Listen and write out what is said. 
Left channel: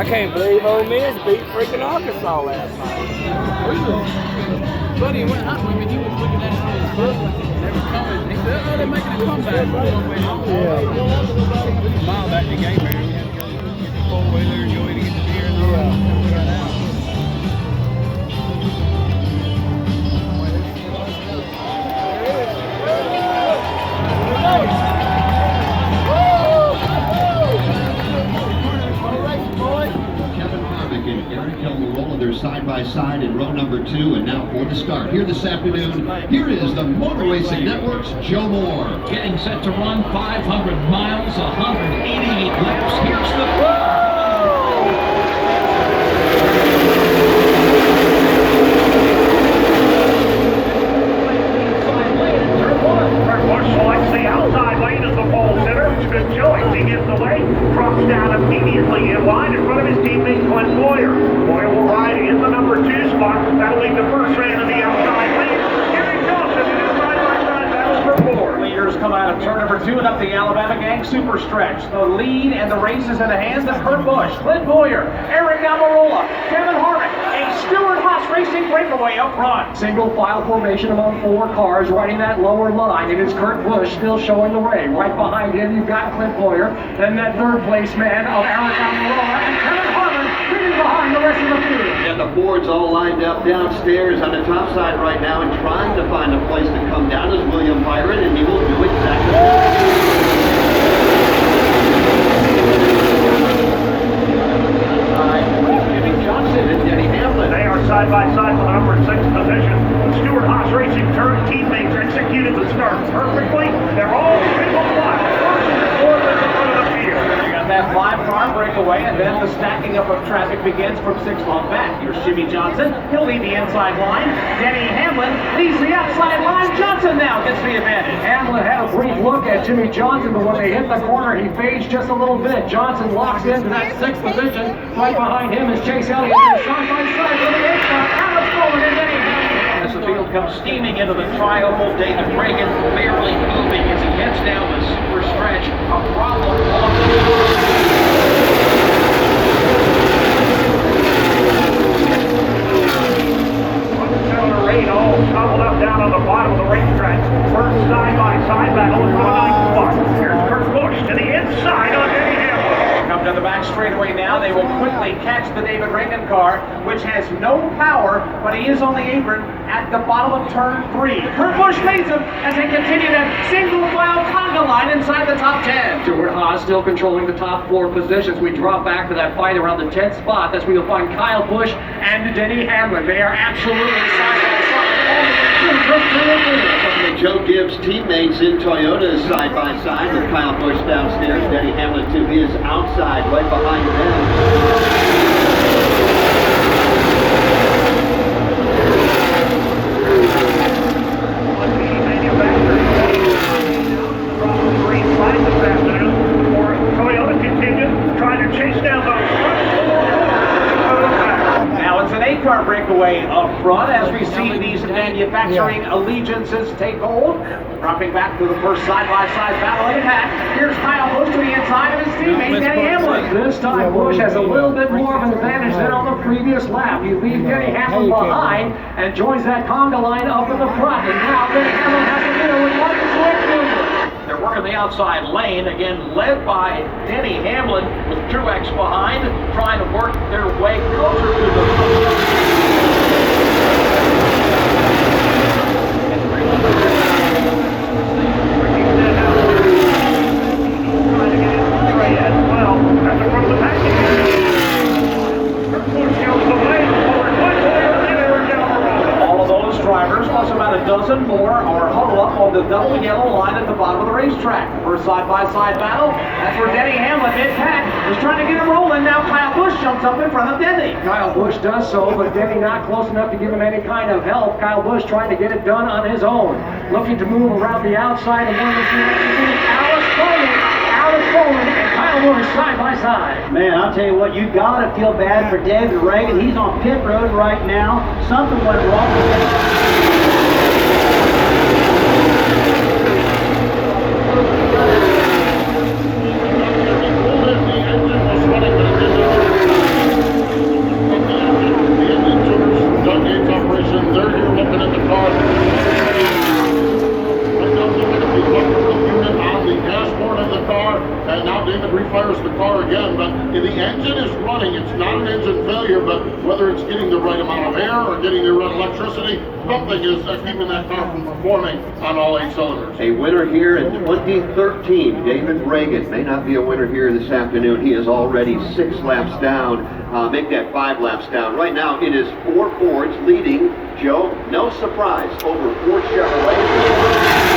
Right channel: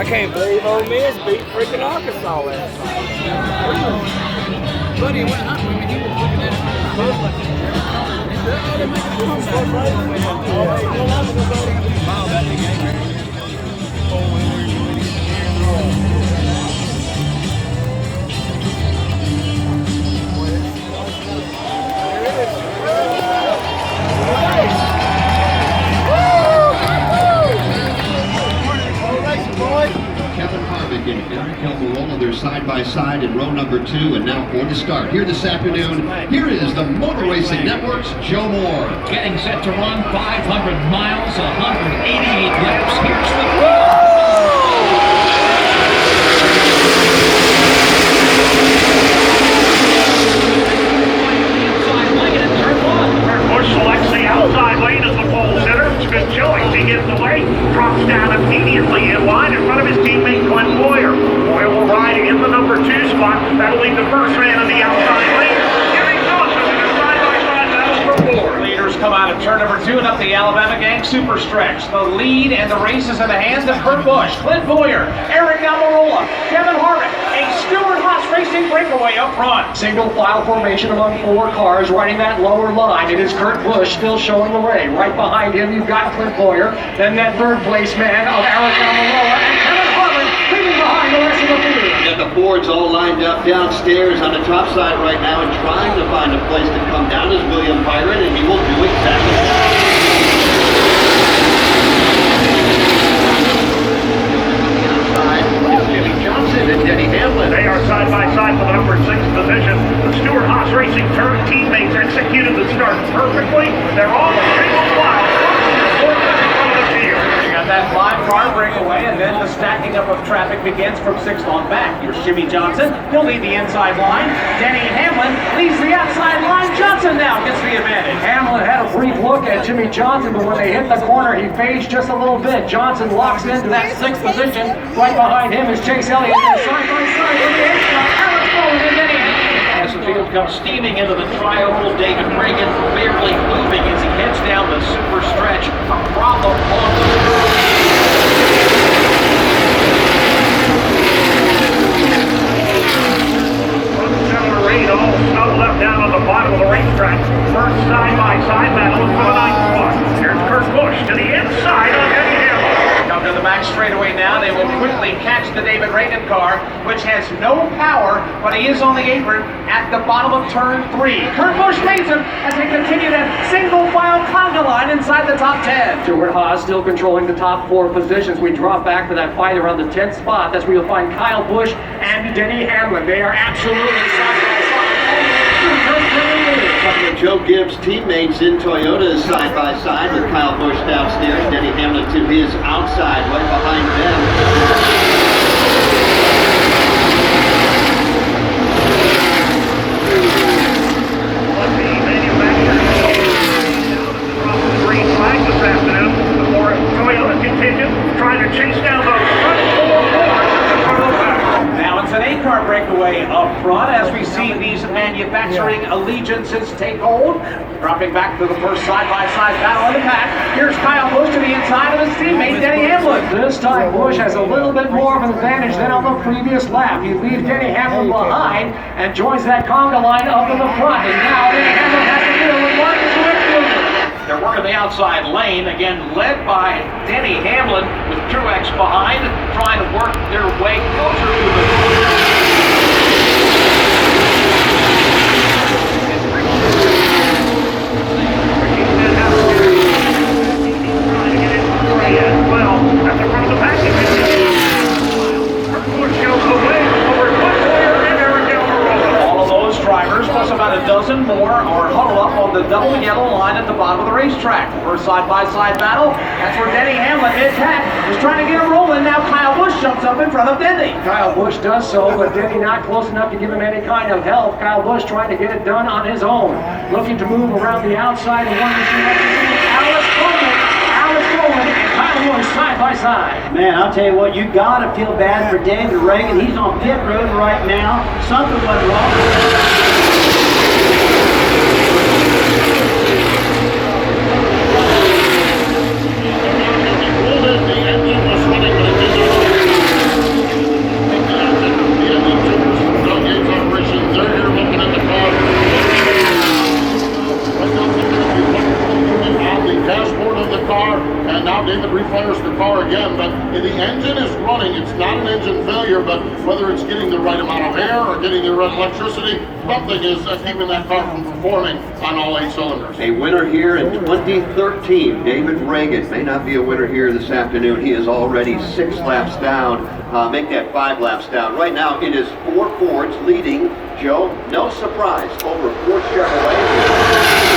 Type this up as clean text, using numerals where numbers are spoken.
I can't believe Ole Miss beat freaking Arkansas last night. Buddy, when he was looking at it, they're side by side in row number 2, and now for the start. Here this afternoon, here is the Motor Racing Network's Joe Moore. Getting set to run 500 miles, 188 laps. Here's the wheel. Inside lane in turn 1. Bush selects the outside lane as the pole sitter. Good choice. He gets away, drops down immediately in line in front of his teammate Clint Boyer. Boyer will ride in the number 2 spot. That'll leave the first man in the outside lane. Jimmy Johnson in a side-by-side battle for 4. Leaders come out of turn number 2 and up the Alabama Gang Super Stretch. The lead and the race is in the hands of Kurt Busch, Clint Boyer, Eric Almirola, Kevin Harvick, a Stewart Haas Racing breakaway up front. Single file formation among 4 cars riding that lower line. It is Kurt Busch still showing the way. Right behind him you've got Clint Boyer, then that third place man of Eric Almirola and Kevin Harvick leading behind the rest of the field. And the Fords all lined up downstairs on the top side right now and trying to find a place to come down is William Byron, and he will do exactly that. And Denny Hamlin. They are side by side for the number 6 position. The Stewart Haas Racing teammates executed the start perfectly. They're all single file. Fourth in front of the field. You got that 5-car breakaway, and then the stacking up of traffic begins from 6 on back. Here's Jimmy Johnson. He'll lead the inside line. Denny Hamlin leads the outside line. Johnson now gets the advantage. Hamlin had a brief look at Jimmy Johnson, but when they hit the corner, he fades just a little bit. Johnson locks into that 6th position. Right behind him is Chase Elliott. Side-by-side to the inside. Alex Bowman and Denny Hamlin. As the field comes steaming into the tri-oval, David Reagan barely moving as he heads down the super stretch. A problem on the all snuggled up down on the bottom of the racetrack. First side-by-side battle for the 9th spot. Here's Kurt Busch to the inside on Denny Hamlin. Come to the back straightaway now. They will quickly catch the David Reagan car, which has no power, but he is on the apron at the bottom of turn 3. Kurt Busch leads him as they continue that single file conga line inside the top 10. Stewart Haas still controlling the top 4 positions. We drop back to that fight around the 10th spot. That's where you'll find Kyle Busch and Denny Hamlin. They are absolutely side by side. Couple of Joe Gibbs teammates in Toyotas side by side with Kyle Busch downstairs, Denny Hamlin to his outside right behind them. Toyota contingent trying to chase down the front 4. Now it's an 8-car breakaway up front as we see these manufacturing allegiances take hold. Dropping back to the first side-by-side battle in the pack. Here's Kyle Busch to the inside of his teammate, Denny Hamlin. This time Busch has a little bit more of an advantage than on the previous lap. He leaves Denny Hamlin behind and joins that conga line up in the front. And now Denny Hamlin has to deal with Martin Truex. They're working the outside lane, again led by Denny Hamlin with Truex behind, trying to work their way closer to the... Drivers plus about a dozen more are huddled up on the double yellow line at the bottom of the racetrack. First side-by-side battle. That's where Denny Hamlin mid-pack is trying to get him rolling. Now Kyle Busch jumps up in front of Denny. Kyle Busch does so, but Denny not close enough to give him any kind of help. Kyle Busch trying to get it done on his own. Looking to move around the outside and wanting to see what he can do. Alex Bowman and Kyle Busch side by side. Man, I'll tell you what, you gotta feel bad for David Reagan. He's on pit road right now. Something went wrong. and now David refires the car again, but the engine is running. It's not an engine failure, but whether it's getting the right amount of air or getting the right electricity, something is keeping that car from performing on all 8 cylinders. A winner here in 2013, David Reagan, may not be a winner here this afternoon. He is already 6 laps down. Make that 5 laps down. Right now it is 4 Fords leading, Joe, no surprise, over 4 Chevrolets.